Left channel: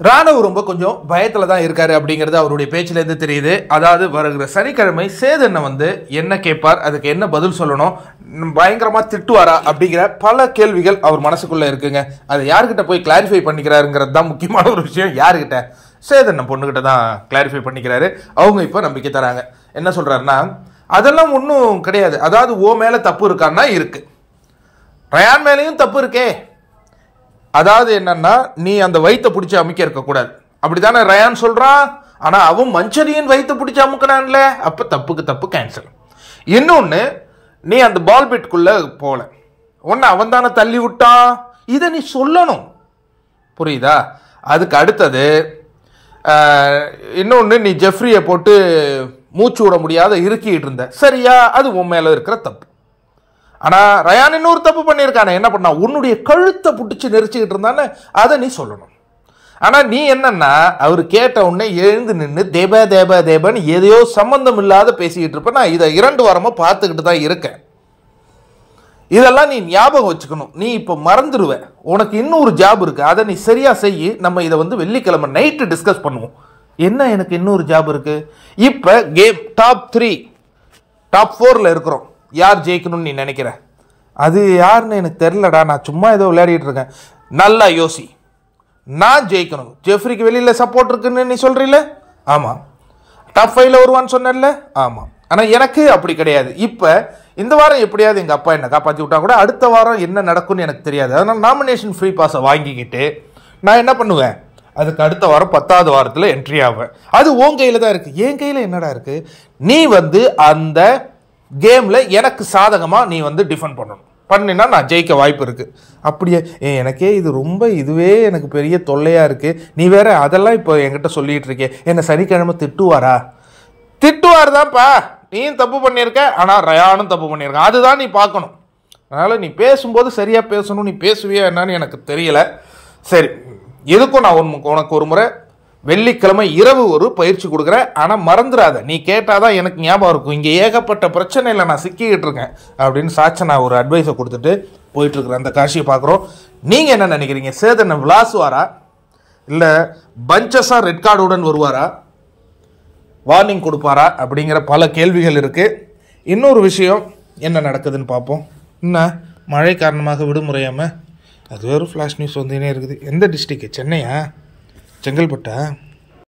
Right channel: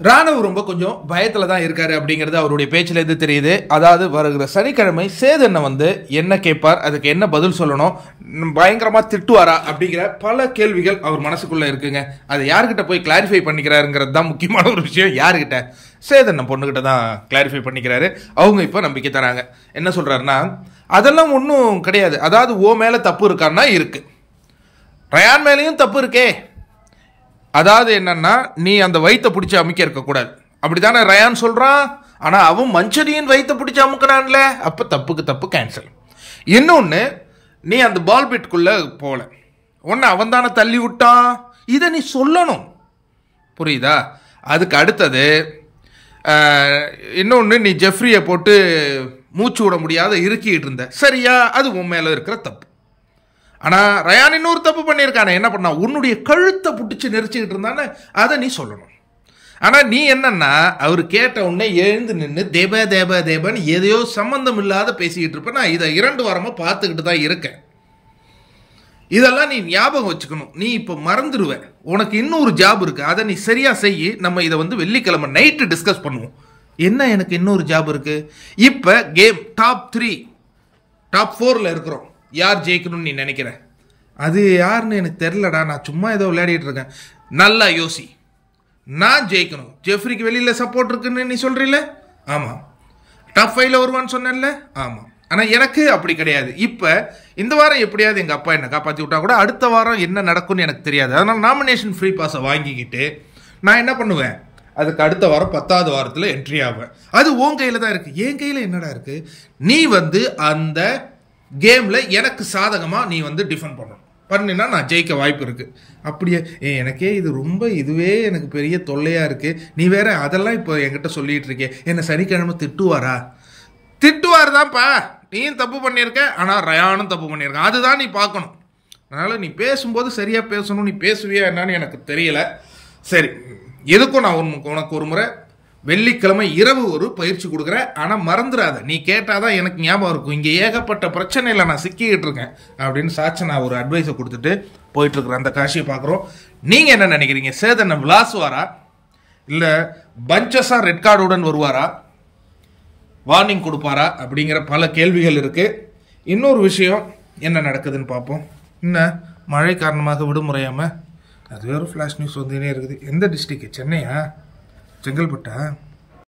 ராணுவ ரொம்ப கொஞ்சம் பயத்தில் தான் இருக்காரு அப்படிங்கிறது அவருடைய பேச்சிலேருந்து தெரியுது. அதாவது வருகிற சனிக்கிழமை சேதனை வந்து என்ன கேட்பார், அதுக்கு என்ன பதில் சொல்லணும், பயங்கரமாக திட்டுவாரா அப்படிங்கிற பல கேள்விகள் அவர் மனசுக்குள்ளே இருக்குங்க. அதை யார்கிட்ட போய் கிளாரிஃபை பண்ணிக்கிறாருங்கிறது தான் முக்கியமான ஒரு விஷயம். யார்கிட்ட? சேதனை பொண்ணுகிட்ட தான் கிளாரிஃபை பண்ணிக்கிறாரு. அவங்க இப்போ நம்பிக்கை தராங்க. என்ன சொல்கிறாருன்னா, அதெல்லாம் ஒன்றும் கிடையாது, அதாவது ஓ மேலே தப்பு இருக்கான்னா இருக்கு, ரயான் மேலேயும் தப்பு இருக்கே. அதாவது என்னன்னா, நீ அந்த வயிற்ற பிடிச்சி அமுக்க இருக்கக்கூடாது அப்படித்தானே ரயான் சொல்றான். ஆனா அவன் மஞ்சரியின் வயிற்ற பிடிச்சி அமுக்கிறான்ல, அப்ப தப்புக்கு தப்பு கேன்சல். இன்னொன்னு, நீ அந்த பால் பிட்குள்ள போல, ஒன்னு அவன் தானே தள்ளி விட்டான், இதை நீ சொல்லணும், புரியுதா? அதுக்கு அடுத்தது இன்னொன்னு, நீ ஜெஃப்ரியை போட்டு மூச்சு விட முடியாத இறுக்கிட்டு இருந்த, சரியா? அது உன் மேல இருக்கிற தப்பு. ஆனா ரயான் இன்னொரு தப்பு பண்ணியிருக்கானே, என்ன பண்ணா, உன்னுடைய கழுத்தை பிடிச்சி நெரிச்சுக்கிட்டு இருந்தானே, அதை நீ சொல்லணும். ஆனா நீ என்னன்னா, அவர் கேட்ட உடனே எழுந்து நின்று தேப தேப தேபன்னு எதையோ சம்பந்தம் இல்லாத பேசிக்கிட்டு இருப்ப. நான் இதை 2 வாரமா பார்த்துக்கிட்டு தான் இருக்கேன். இதெல்லாம் நீ ஞாபகம் வச்சுக்கணும். நீ இப்போ மறந்துடுவ. உனக்கு இன்னொரு ஜாப் இருக்கு, அதை நீ சரியா செய்யி. நம்ம இதை வந்து வெள்ளிக்கிழமை நைட்டு டிஸ்கஸ் பண்ணுவோம். என்ன எனக்கு இன்னொரு ஜாப் இருக்கு? இப்போ கேம் டாப் 3 டாப் 4ல் இருக்கிறோம். யார் ஜெயிக்கணும்னு நீ நினைக்கிற? அது யாருன்னு எனக்கு தெரிலடா, நான் சும்மா ஏதோ விளையாடிட்டு இருக்கேன். நல்லா யோசி. நான் ஜெயிக்கணும், ஜெஃப்ரிக்கு வெளியில் சப்போர்ட் இருக்குன்னு நீ சொல்றீல, ஆமாம். டாப் 5ல் வருவான்னு சொன்னல, ஆமாம். ஆனால் எனக்கு அப்படி கிடையாது. இப்போ இந்த வாரம் எப்படியாவது எங்கள் அப்பா என்னை காப்பாற்றி விட்டா கூட அடுத்த வாரம் என்ன நடக்கும்னு எனக்கு தெரியாது. அதனால் நாமினேஷன் ஃப்ரீ பாஸை வாங்கிக்கிட்டு நான் என்ன பண்ணுவேன், அதுக்கு அடுத்த வாரம் 10வது வாரத்தில் என்ட்ரி ஆவேன். அது உன் கையில் தான் இருக்குது. என் கையில் என்னடா இருக்குது? நீ வந்து அந்த கேமில் எனக்கு சாதகமாக நீ வந்து டிஃபெண்ட் பண்ணணும். பண்ணினா நான் ஜெயிக்க வாய்ப்பு இருக்குது. அப்படியே எனக்கே இது ரொம்ப இதுவே எனக்கு பெரிய தொல்லையாக இருக்குது, நீ வேற அதெல்லாம் இப்போ என்கிட்ட சொல்லிகிட்டு இருக்கே, என்னை சனிக்கிழமை திட்டுவாரா? திட்டுவார் தான்ப்பா, நீயும் தப்பு பண்ணியிருக்க, ஆனால் ரயானும் தப்பு பண்ணியிருக்க, அதுதான் நீ பார்க்கணும். அதனால் நீ பேசும்போது சரியாக பேசணும். நீ பேசுவியா என்னன்னு எனக்கு தெரியலை. சரி, எதுக்கும் நான் உனக்கு ஒரு முறை வெள்ளிக்கிழமை இரவு ஒரு பயிற்சி கொடுக்குறேன். ஆனால் மறந்துடாத, நீ கேட்டாதான் எனக்கு ஞாபகம் இருக்கும். இங்கே ஏகப்பட்ட பிரச்சனையில் நான் சிக்கிக்கிட்டு இருக்கேன் அப்படின்னு சாட்சி நான் ஒரு அட்வைஸை கொடுத்துட்டு போயிட்டு இருக்கிறேன். அந்த காட்சியை பார்க்குறோம். நீங்கள் என்ன நினைக்கிறீங்க? சேதனை விளாசுவாரா, இல்லை பஞ்சஸாக ரெட் கார்டுடன் வருவாரா, வார்னிங் கொடுப்பாரா அப்படிங்கிற பல கேள்விகள் இருக்குது. இன்னொரு விஷயம் என்ன நடக்குதுன்னு பார்ப்போம். என்ன மழை காரணமாக விடுமுறையாமல் அது வேறு ஃப்ளாஷ் நியூஸ் வந்துன்னே இருக்குது. எந்த டிஸ்ட்ரிக்ட்? சென்னையா? செங்கல்பட்டா?